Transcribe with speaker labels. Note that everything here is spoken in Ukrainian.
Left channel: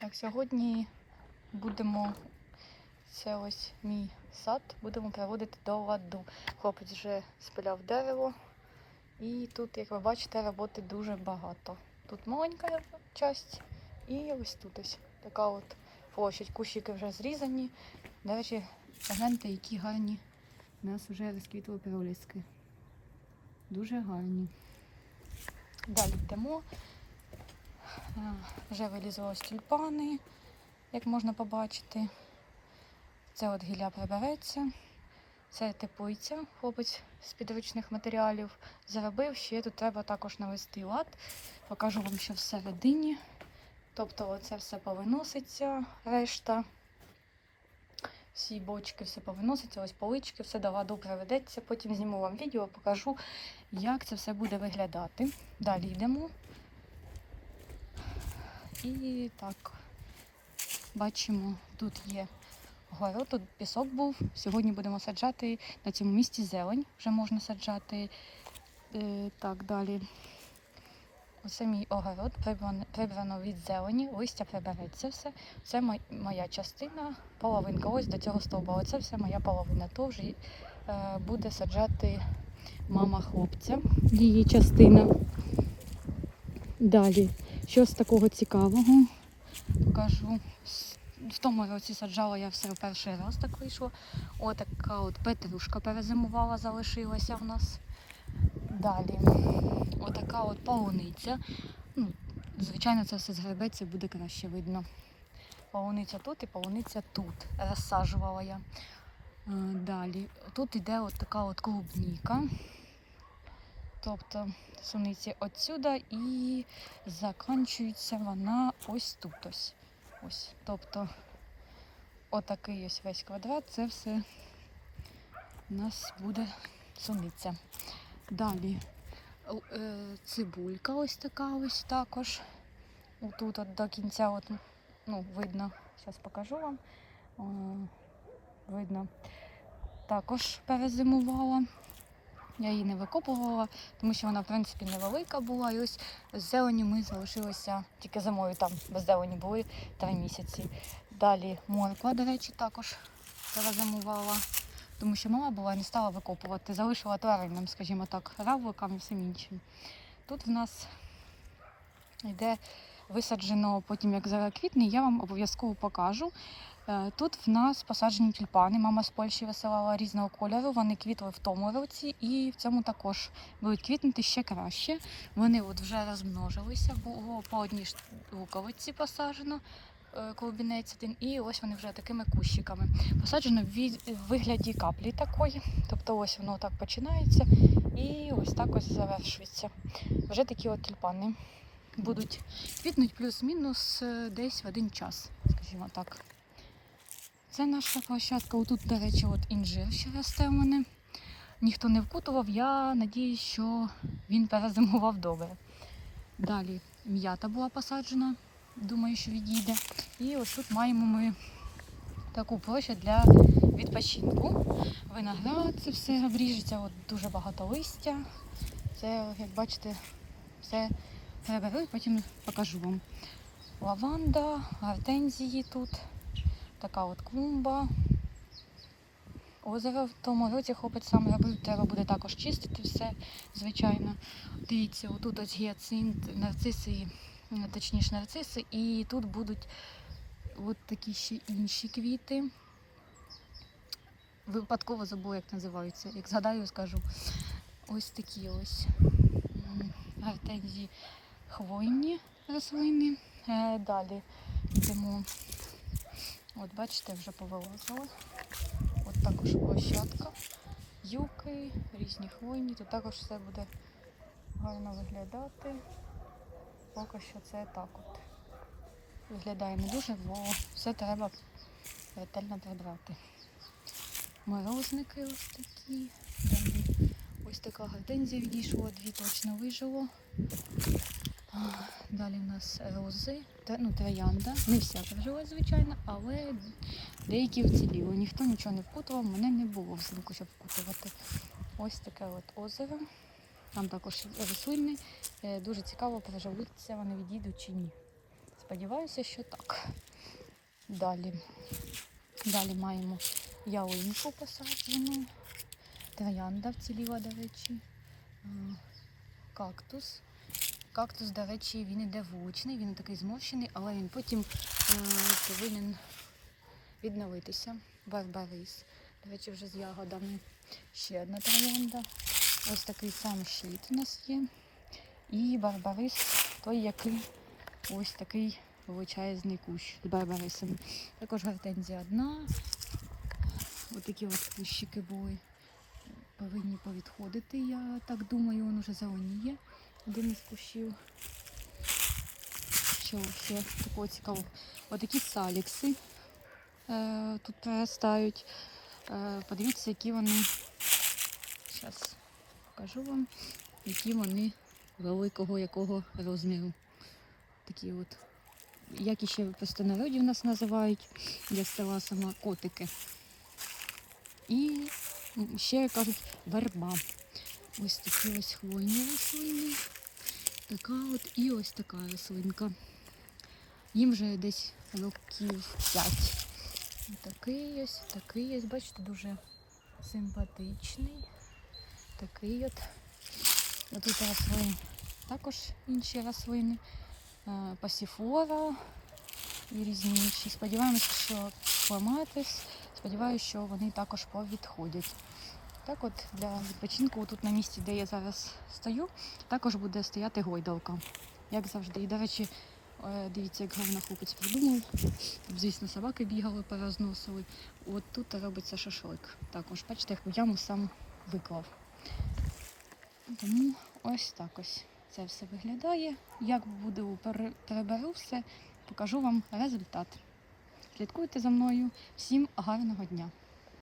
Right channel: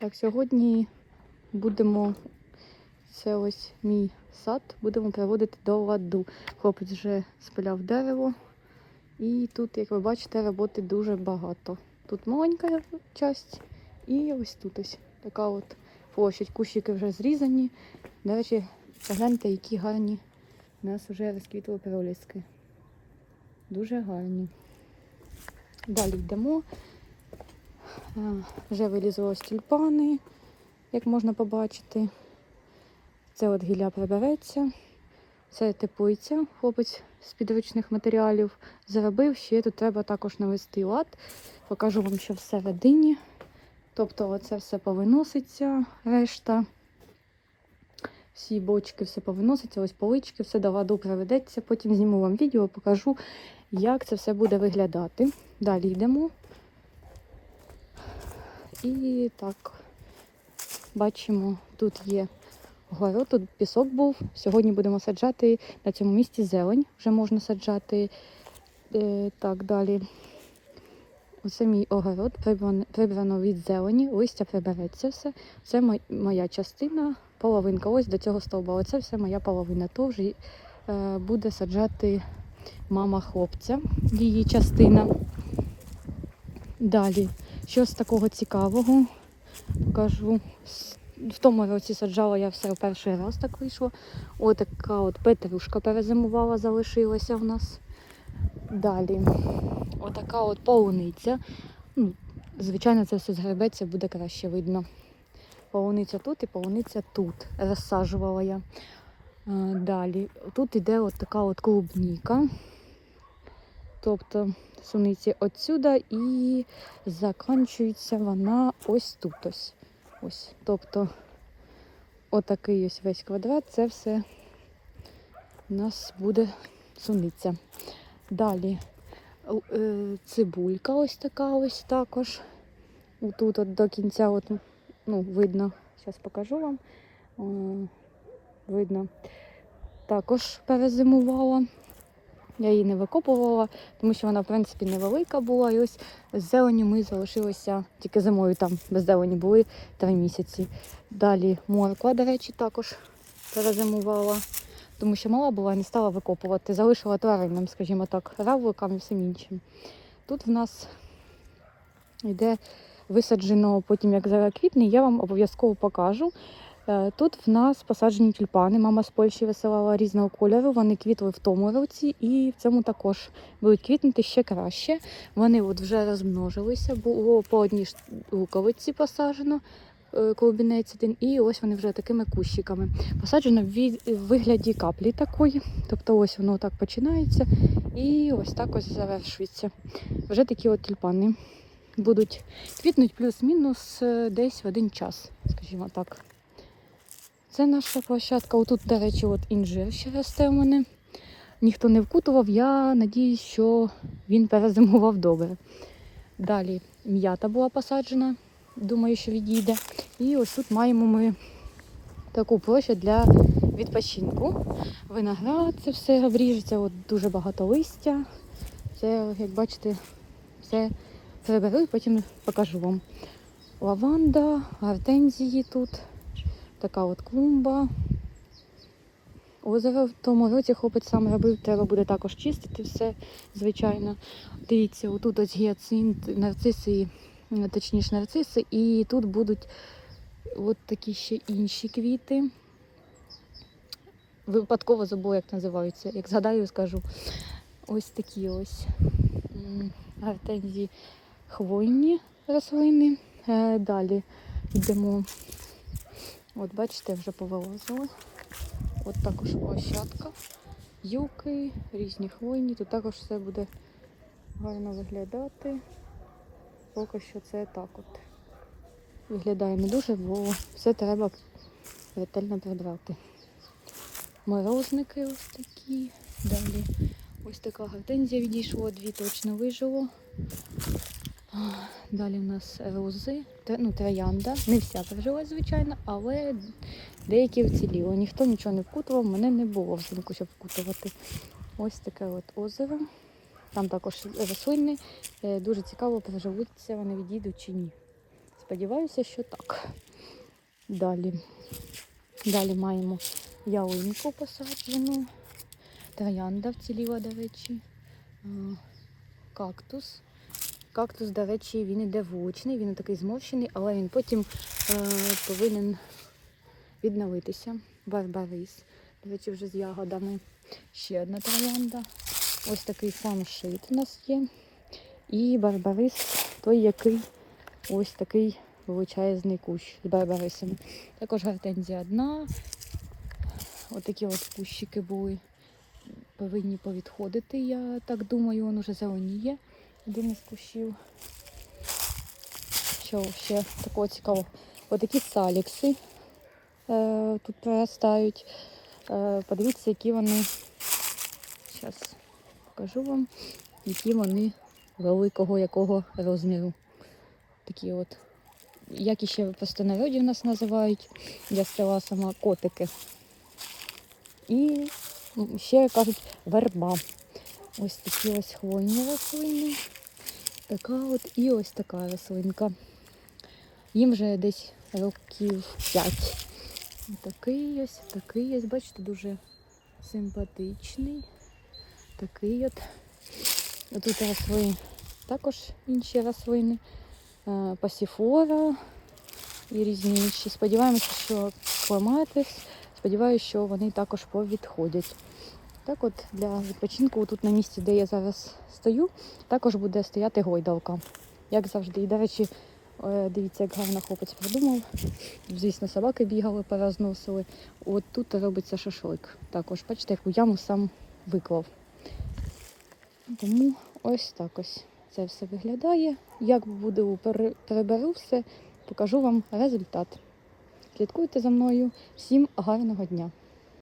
Speaker 1: Так, сьогодні будемо, це ось мій сад, будемо приводити до ладу. Хлопець вже спиляв дерево. І тут, як ви бачите, роботи дуже багато. Тут маленька часть і ось тут ось така от площадь. Кущики вже зрізані. До речі, гляньте, які гарні у нас вже розквітли проліски. Дуже гарні. Далі йдемо. Вже вилізли тюльпани, як можна побачити. Це от гілля прибереться. Це теплиця, хлопець з підручних матеріалів заробив. Ще тут треба також навести лад. Покажу вам, що всередині. Тобто оце все повиноситься, решта. Всі бочки, все повиноситься, ось полички, все до ладу приведеться. Потім зніму вам відео, покажу, як це все буде виглядати. Далі йдемо. І так, бачимо, тут є город, тут пісок був. Сьогодні будемо саджати на цьому місці зелень. Вже можна саджати. Е, так, далі. Оце мій огород, прибрано, від зелені, листя прибереться все. Це моя частина, половинка. Ось до цього стовба. Оце все моя половина. То вже е, буде саджати мама хлопця, її частина. Далі, щось такого цікавого покажу. В тому році саджала я все в перший раз так вийшло. Ось така от петрушка перезимувала, залишилася в нас. Далі. Отака от полуниця. Ну, Звичайно, це все згребеться, буде краще видно. Полуниця тут і полуниця тут. Розсаджувала я. Е, Далі. Тут іде от така от клубніка. Тобто суниці отсюда і закінчується вона ось тут ось. Ось. Тобто отакий ось весь квадрат, це все у нас буде суниця. Далі е, цибулька ось така ось також. Тут от до кінця от, ну, видно, зараз покажу вам. Видно. Також перезимувала. Я її не викопувала, тому що вона, в принципі, невелика була. І ось зелені ми залишилися тільки зимою там без зелені були три місяці. Далі морква, до речі, також перезимувала, тому що мала була не стала викопувати. Залишила тваринам, скажімо так, равликам і всім іншим. Тут в нас йде висаджено потім, як заквітне, я вам обов'язково покажу. Е, Тут в нас посаджені тюльпани. Мама з Польщі висилала різного кольору. Вони квітли в тому році і в цьому також будуть квітнути ще краще. Вони от вже розмножилися, було по одній луковиці посаджено. е, Клубінець один, і ось вони вже такими кущиками. Посаджено в вигляді каплі такої. Тобто ось воно так починається і ось так ось завершується. Вже такі от тюльпани будуть квітнуть плюс-мінус е, десь в один час, скажімо так. Це наша площадка. Отут, до речі, от інжир ще росте у мене. Ніхто не вкутував. Я надіюсь, що він перезимував добре. Далі м'ята була посаджена. Думаю, що відійде. І ось тут маємо ми таку площу для відпочинку. Виноград, це все обріжеться, от дуже багато листя. Це, як бачите, все приберу і потім покажу вам. Лаванда, гортензії тут, така от клумба. Озеро в тому році хлопець сам робив, треба буде також чистити все, звичайно. Дивіться, отут ось гіацинт, нарциси, точніше нарциси, і тут будуть от такі ще інші квіти. Випадково забула, як називаються. Як згадаю, скажу. Ось такі ось гортензії хвойні рослини. Е, Далі йдемо. От бачите, вже повилазила. От також площадка. Юки, різні хвойні. Тут також все буде гарно виглядати. Поки що це так от. Виглядає не дуже, бо все треба ретельно прибрати. Морожники ось такі. Далі ось така гортензія відійшла, дві точно вижило. Далі у нас рози, ну, троянда. Не вся прожила, звичайно, але деякі вціліло. Ніхто нічого не вкутував, мене не було взимку, щоб вкутувати. Ось таке от озеро. Там також рослини. Е, Дуже цікаво, приживуться вони відійдуть чи ні. Сподіваюся, що так. Далі. Далі маємо ялинку посаджену. Троянда вціліла, до речі. Е, Кактус. Кактус, до речі, він іде вуличний, він такий зморщений, але він потім е, повинен відновитися. Барбарис. До речі, вже з ягодами. Ще одна троянда. Ось такий самий шит у нас є. І барбарис, той, який ось такий величезний кущ з барбарисами. Також гортензія одна. Отакі от кущики були. Повинні повідходити, я так думаю, він уже зеленіє. Один із кущів. Що ще такого цікавого? Отакі салікси е, тут проростають. Е, подивіться, які вони. Зараз покажу вам, які вони великого якого розміру. Такі от. Як іще в простонароді нас називають, я села сама котики. І ще кажуть верба. Ось такі ось хвойні рослини. Така от і ось така рослинка. Їм вже десь років 5. Такий ось, такий ось, бачите, дуже симпатичний. Такий от. Тут росли також інші рослини. Е, Пасіфора і різні інші. Сподіваємося, що клематис. Сподіваюся, що вони також повідходять. Так от для відпочинку тут на місці, де я зараз стою, також буде стояти гойдалка. Як завжди. І, до речі, е, дивіться, як гарно хлопець придумав. Звісно, собаки бігали, порозносили. От тут робиться шашлик. Також, бачите, яку яму сам виклав. Тому ось так ось це все виглядає. Як буду переберу все, покажу вам результат. Слідкуйте за мною. Всім гарного дня!